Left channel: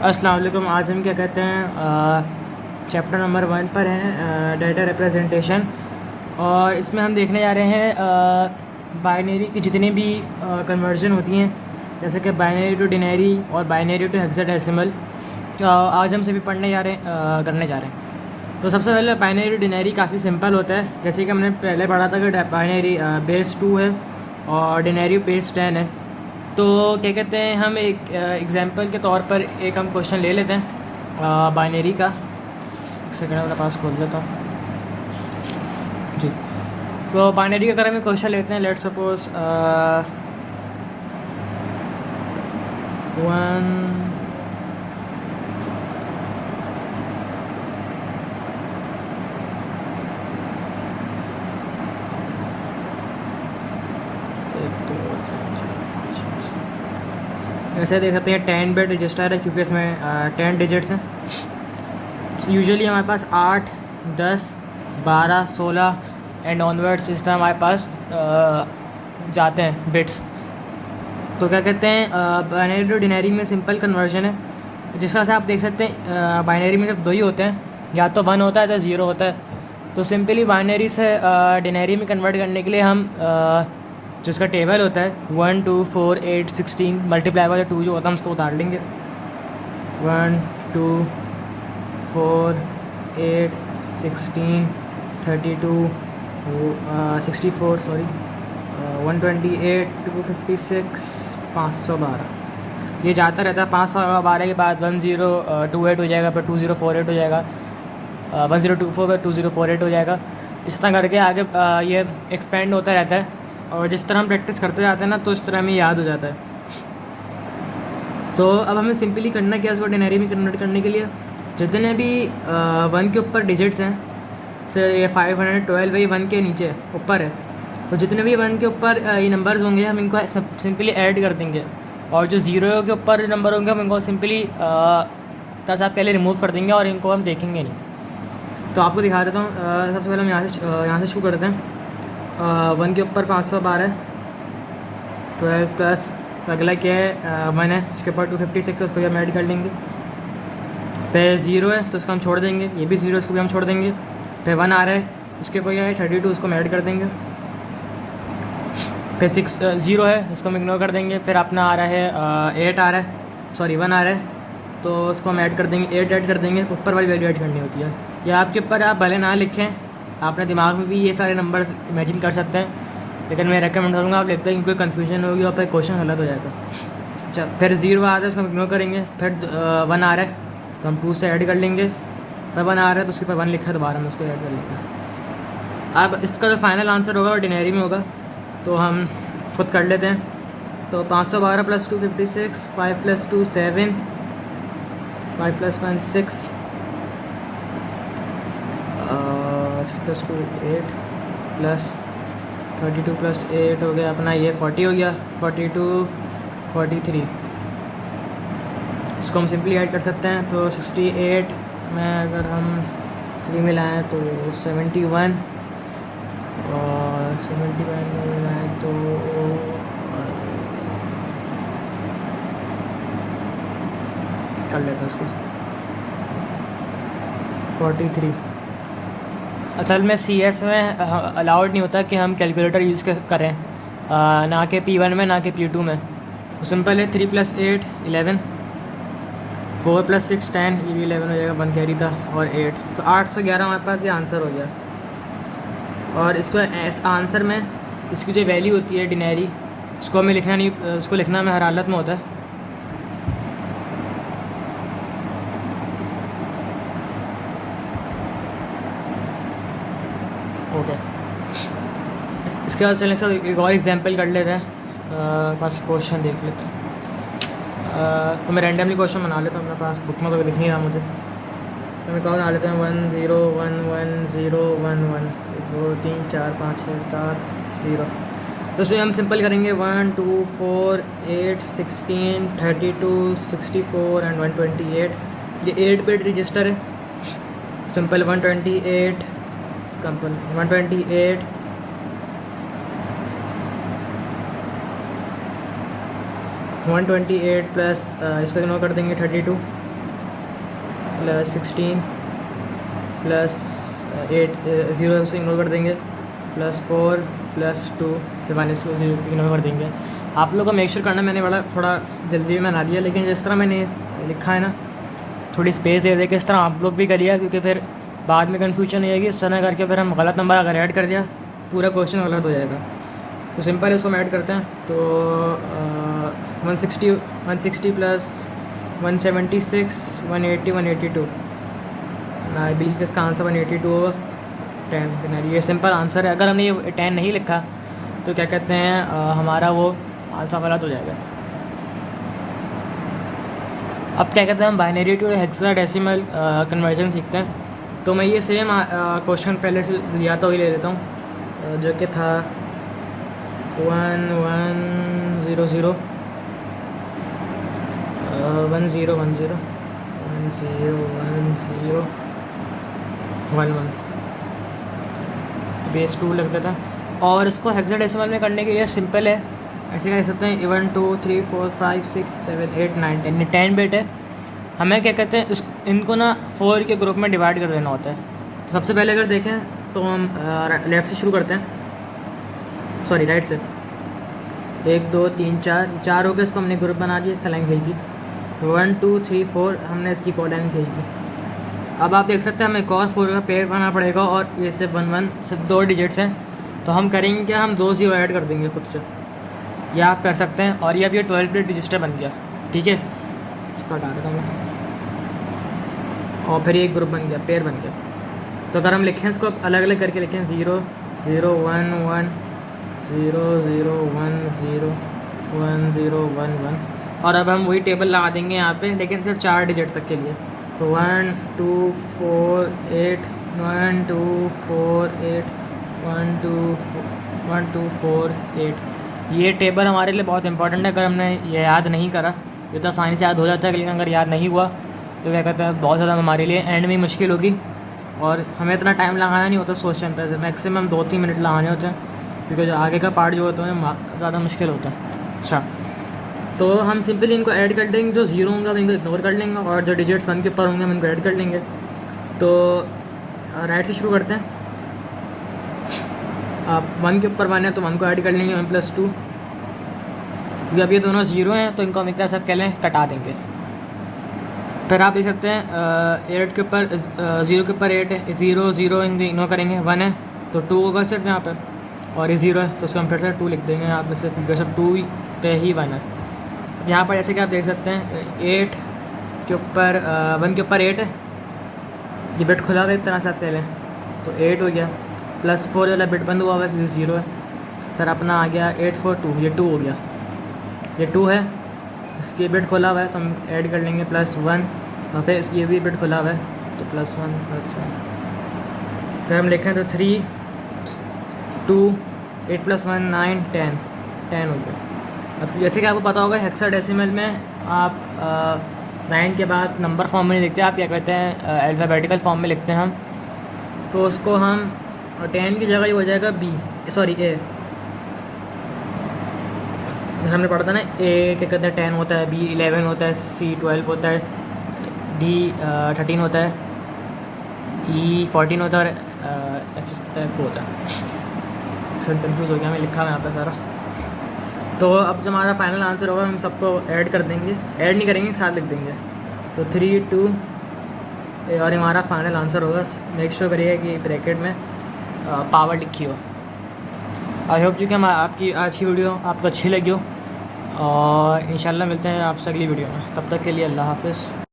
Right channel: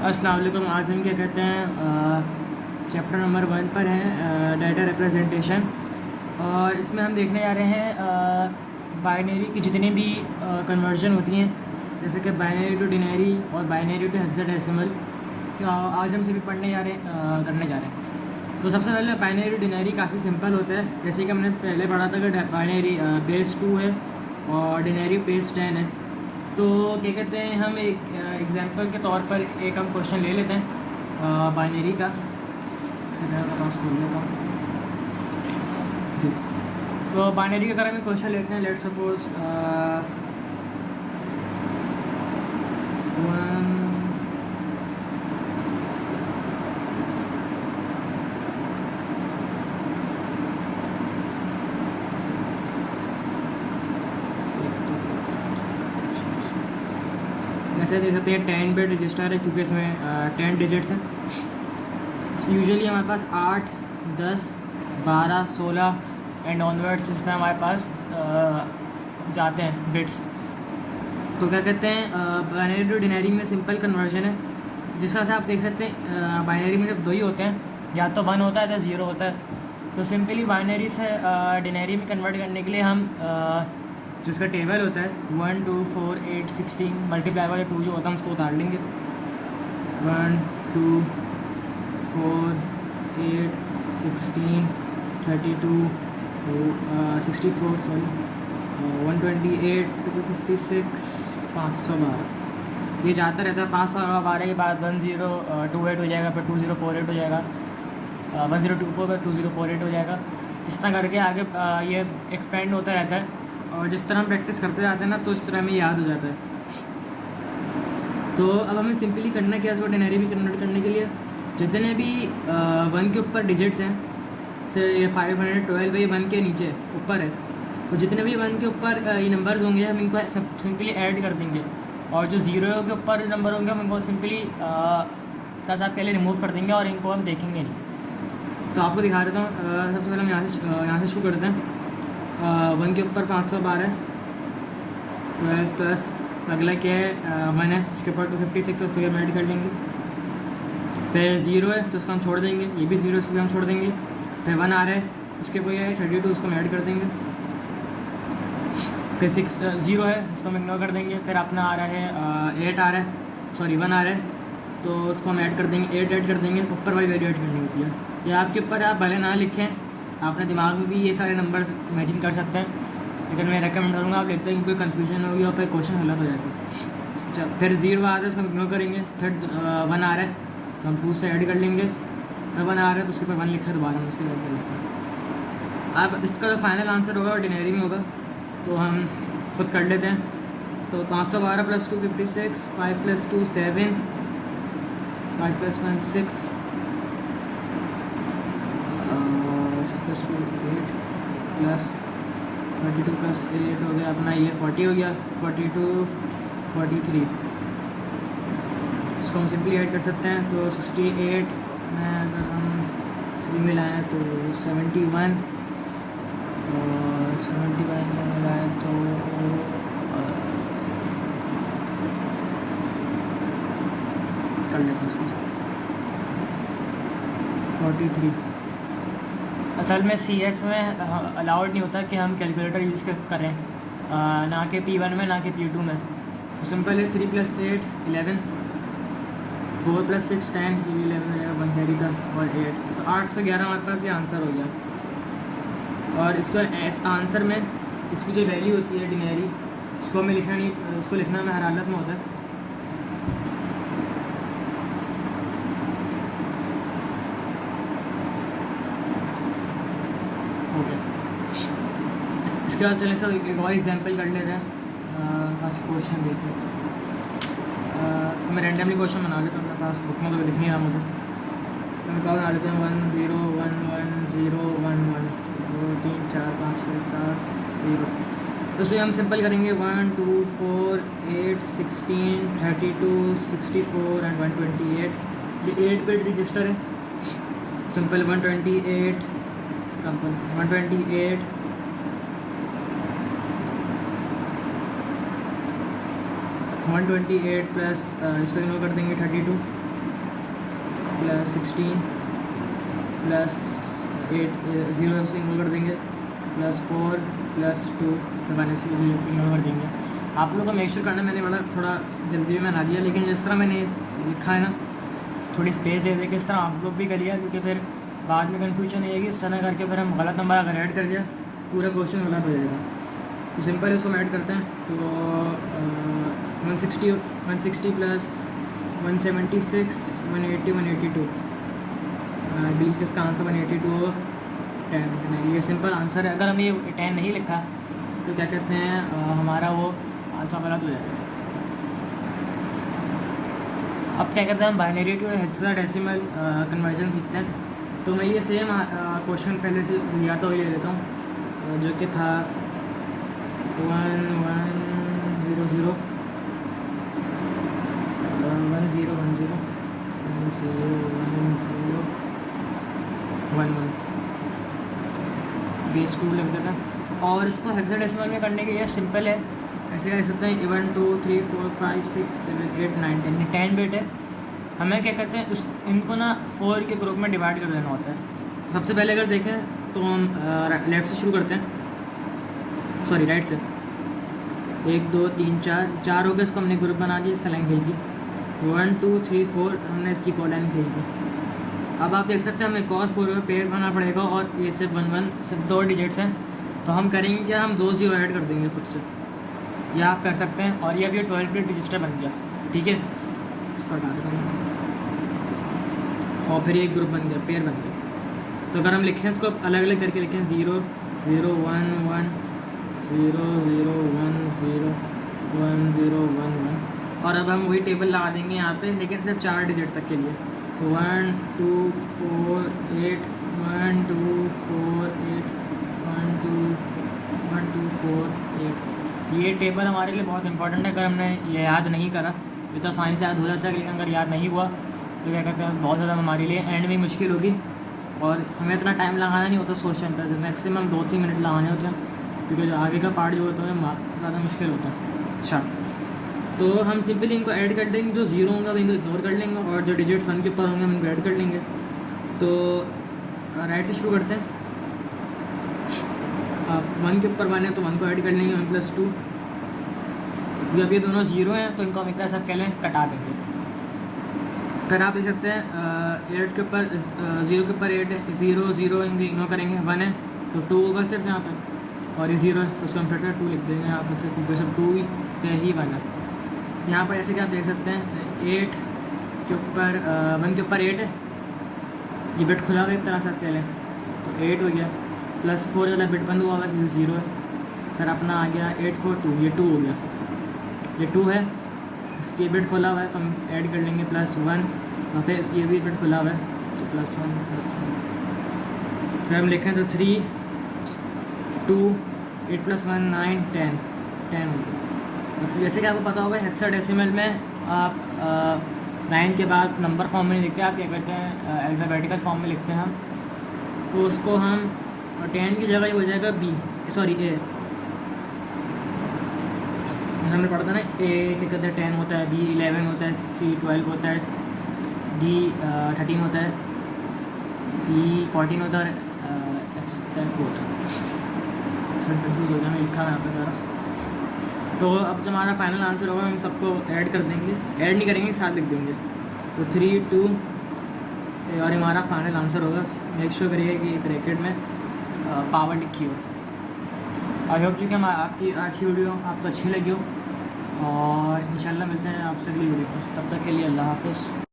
अस्सलाम वालेकुम। आज हम क्या कहते हैं चैप्टर नंबर 1 पर हैं डाटा रिप्रेजेंटेशन। और इसमें हम देखने जा रहे हैं बाइनरी की जितनी भी कन्वर्जन होती हैं, जैसे कि बाइनरी टू डिनरी और बाइनरी टू हेक्साडेसिमल। आज हम सभी पढ़ने जा रहे हैं करने जा रहे हैं। तो सबसे पहले बाइनरी टू डिनरी काफ़ी सिंपल होता है, जैसे कि हमने पहले पढ़ा था कि बाइनरी बेस 2 है और डिनरी बेस 10 है। तो क्या कहते हैं, हम एक एग्जांपल के तौर पर एक हम क्वेश्चन ले लेते हैं बाइनरी का। सेकेंड मेरे पास खोल लेता हूँ जी। तो बाइनरी का अगर हम क्वेश्चन लेते हैं, लेट्स सपोज 1 वैसे देख सकते हैं 10 बिट रजिस्टर है, क्योंकि इसमें 10 डिजिट्स हैं। यूजुअली हमारे पास 8, 10, 12, 16 एंड ऑनवर्ड्स इस तरह हमारे पास जाते हैं बिट्स। तो क्या कहते हैं, बाइनरी टू डिनरी में सिंपल कन्वर्जन है। जिस तरह से आप देख सकते हैं बाइनरी में सिर्फ दो ही होते हैं, या तो 1 होता है या 0 होता है। तो सिंपली बाइनरी से डिनरी में कन्वर्ट करने के लिए हम जो इसका टेबल होता है 1, 2, 4, 8, 16 मल्टीप्लाई बाय 2 जो होता है हम उसको उतार लेंगे। 1, 2, 4, 8, 16, 32, 64 सॉरी 128, 256, 512। ये जाता रहता है। 512 के बाद 1028 हो जाएगा, फिर 2048 हो जाएगा, 1024 फिर 2048 हो जाएगा। इस तरह करके आगे ये एक्सपेंड होता रहता है। और जिस तरह हम प्रैक्टिस करते जाते हैं ना, तो इस तरह हमें याद हो जाता है। तो अब हमें सिंपली करना क्या है, उसको डिनरी में कन्वर्ट करने के लिए जितने भी 1 के ऊपर डिजिट्स हैं, से ये 512 है, ये 1 के नीचे ऊपर है, तो जितने भी 1 के ऊपर ये नंबर्स होंगे हम इनको सब सिंपली ऐड कर देंगे। और जो 0 के ऊपर नंबर होंगे हम इनको सिंपली तासाब के लिए रिमूव कर देंगे और इनको हम देखेंगे नहीं। तो आपको दिखा देता हूँ। सबसे पहले हम यहाँ से शुरू करते हैं। 1 के ऊपर 512 है, 12 प्लस अगला क्या है 1 है, इसके ऊपर 256 है, उसको भी हम ऐड कर लेंगे। फिर 0 है तो उसको हम छोड़ देंगे, ये भी 0, इसको भी हम छोड़ देंगे। फिर 1 आ रहा है, उसके ऊपर क्या है 32, उसको हम ऐड कर देंगे। फिर 0 है, उसको हम इग्नोर कर देंगे। फिर अपना आ रहा है 8 आ रहा है, सॉरी 1 आ रहा है, तो उसको हम ऐड कर देंगे, 8 ऐड कर देंगे। ऊपर वाली वैल्यू ऐड करनी होती है, या आपके ऊपर आप भले ना लिखें, अपने दिमाग में भी ये सारे नंबर इमेजिन कर सकते हैं, लेकिन मैं रेकमेंड करूँगा आप लिखते हैं, कोई कन्फ्यूजन होगी और फिर क्वेश्चन गलत हो जाएगा। अच्छा, फिर 0 आ रहा है, उसको हम इग्नोर करेंगे। फिर 1 आ रहा है तो हम 2 से ऐड कर लेंगे। फिर 1 आ रहा है तो उसके ऊपर 1 लिखा है, दोबारा हम उसको ऐड कर लेंगे। अब इसका जो फाइनल आंसर होगा वो डिनरी में होगा, तो हम खुद कर लेते हैं। तो 512 plus 256, 5 plus 2 7, 5 plus 1 6, 6 plus 2 8, plus 32 plus 8 हो गया अपना ये 40 हो गया, 42, 43। इसको हम सिंपली ऐड कर सकते हैं। तो 68 में अगर हम 3 मिलाएँ तो 71, और 71 में मिलाएँ तो कर लेते हैं इसको 43। असल में CS में अलाउड नहीं होता कि हम कैलकुलेटर यूज़ करें, ना कि P1 में ना कि P2 में। तो सिंपल है 3 प्लस 8 11, 4 प्लस 6 10, ये भी 11 हो जाएगा, 1 कैरी था, और 8, तो 8 से 11 हमारे पास ये आंसर हो गया। और इसको आंसर में इसकी जो वैल्यू होती है डिनरी, उसको हमें लिखना नहीं, उसको लिखना हमें हर हालत में होता है। ओके, इसके बाद चलें सर एक और एग्जांपल कर लेते हैं। पास क्वेश्चन देख लेते हैं। तो मैं रैंडमली क्वेश्चन बना लेता हूँ, मेरे पास बुक में तो लिख नहीं रहा मुझे, तो मैं बना लेते हैं 1 0 1 1 0 1 1 2 3 4 5 6 7 0। तो इसमें हम सिंपल करेंगे 1 2 4 8 16 32 64 एंड 128। ये 8 बिट रजिस्टर है। सिंपल 128 सिंपल 128 128 प्लस इसको इग्नोर कर देंगे 32, प्लस 16 प्लस 8 0 से इग्नोर कर देंगे, प्लस 4 प्लस 2 फिर माइनस से इग्नोर कर देंगे। आप लोग को मेक श्योर करना, मैंने बड़ा थोड़ा जल्दी में बना दिया, लेकिन जिस तरह मैंने लिखा है ना थोड़ी स्पेस दे के इस तरह आप लोग भी करिए, क्योंकि फिर बाद में कन्फ्यूजन नहीं आएगी। इस तरह करके फिर हम गलत नंबर अगर ऐड कर दिया पूरा क्वेश्चन गलत हो जाएगा। तो सिंपल इसको हम ऐड करते हैं। तो 160 प्लस 176 180 182, आई बिलीव इसका आंसर 182 होगा। 10 ये सिंपल आंसर है। अगर हमने ये 10 नहीं लिखा तो क्या कहते हैं हमारा वो आंसर गलत हो जाएगा। अब क्या कहते हैं हम बाइनरी टू हेक्साडेसिमल कन्वर्जन सीखते हैं। तो मैं ये सेम क्वेश्चन पहले से लिया था वही ले लेता हूँ, जो कि था 1 1 0 0 1 0 1 0 1 0 1 0 1 1 बेस 2 लग गया था। और इसको हेक्साडेसिमल में करने के लिए सिंपल है, ऐसे कर सकते हैं 1 2 3 4 5 6 7 8 9 10 10 बिट है। हमें क्या कहते हैं इनको ना 4 के ग्रुप में डिवाइड कर देना होता है। तो सबसे पहले अगर देखें तो हम लेफ़्ट से शुरू करते हैं, सॉरी राइट से। 1 2 3 4 हो गए, इसको हमने ग्रुप बना दिया, इस लाइन खींच दी। 1 2 3 4 हमने इसकी कॉलाइन खींच दी। अब आप देख सकते हैं हमें एक और 4 का पेयर बनाना पड़ेगा, और ये सिर्फ 1 1 सिर्फ 2 डिजिट्स हैं। तो हम करेंगे क्या, हम 2 0 ऐड कर देंगे खुद से, ये आप कर सकते हैं। और ये अब ये 12 बिट रजिस्टर बन गया, ठीक है, इसको हटा देता हूँ। और फिर ये एक ग्रुप बन गया, पेयर बन गया। तो अगर हम लिखें इसको अलग अलग करके लिखें 0 0 1 1 0 0 1 0 1 0 1 1, और अब हम वही टेबल लगा देंगे यहाँ पे, लेकिन सिर्फ 4 डिजिट तक के लिए। तो 1 2 4 8 1 2 4 8 1 2 1 2 4 8। ये टेबल हमारे लिए बहुत इंपॉर्टेंट है। अगर हमने ये याद नहीं करा ये तो आसानी से याद हो जाता है, लेकिन अगर याद नहीं हुआ तो क्या कहते हैं बहुत ज़्यादा हमारे लिए एंड में मुश्किल होगी, और हमें इतना टाइम लगाना नहीं होता सोचने पर। मैक्सिमम 2-3 मिनट लगाने होते हैं, क्योंकि जो आगे का पार्ट जो होता है ज़्यादा मुश्किल होता है। अच्छा, तो हम सिंपली इनको ऐड कर देंगे, जो 0 होंगे हम इनको इग्नोर कर लेंगे, और जो डिजिट्स 1 के ऊपर होंगे हम इनको ऐड कर लेंगे। तो राइट से शुरू करते हैं। आप 1 के ऊपर 1 है तो 1 को ऐड कर लेंगे, 1 + 2। जब ये दोनों 0 हैं तो इनको हम एक तरह से कह लें कटा देंगे। फिर आप देख सकते हैं 8 के ऊपर 0 के ऊपर 8 है, 0 0 इग्नोर करेंगे, 1 है तो 2 होगा सिर्फ यहाँ पर, और ये 0 है तो उसको हम फिर से 2 लिख देंगे यहाँ पर, सिर्फ फिगर सब 2 पे ही 1 है। यहाँ पर जैसे कि आप देख सकते हैं 8 के ऊपर 1 के ऊपर 8 है, ये बिट खुला हुआ एक तरह से पहले, तो 8 हो गया, प्लस 4 वाला बिट बंद हुआ हुआ है क्योंकि 0 है। फिर अपना आ गया 8 4 2, ये 2 हो गया, ये 2 है, इसकी बिट खुला हुआ है तो हम ऐड कर लेंगे +1, और फिर इसकी भी बिट खुला हुआ है तो +1 +1। फिर हम लिखें तो 3 2 8 + 1 9 10 हो गया। अब जैसे कि आपको पता होगा हेक्साडेसिमल में आप 9 के बाद नंबर फॉर्म में नहीं लिखते, आप क्या करते हैं अल्फ़ाबेटिकल फॉर्म में लिखते हैं हम। तो उसको हम 10 की जगह ये हो जाएगा A। हमने पढ़ा था ना, A क्या कहते हैं 10 होता है, B 11 होता है, C 12 होता है, D 13 होता है, E 14 होता है, और F होता है। फिर कंफ्यूज हो गया, मैं लिखा है यहाँ पे सारा। तो अब जो हमारा फाइनल आंसर होगा हम सबको ऐड कर देंगे, ऐड नहीं करेंगे, एक साथ लिख देंगे। तो 3 2 और हमारा फाइनल आंसर होगा। मेक श्योर करिएगा कि ब्रैकेट में पावर लिखी हो। आई होप कि हम आपकी आज की वीडियो आपको अच्छी लगी हो, और इंशाल्लाह मिलते हैं आपसे अगली वीडियो में। तब तक के लिए अल्लाह हाफ़िज़।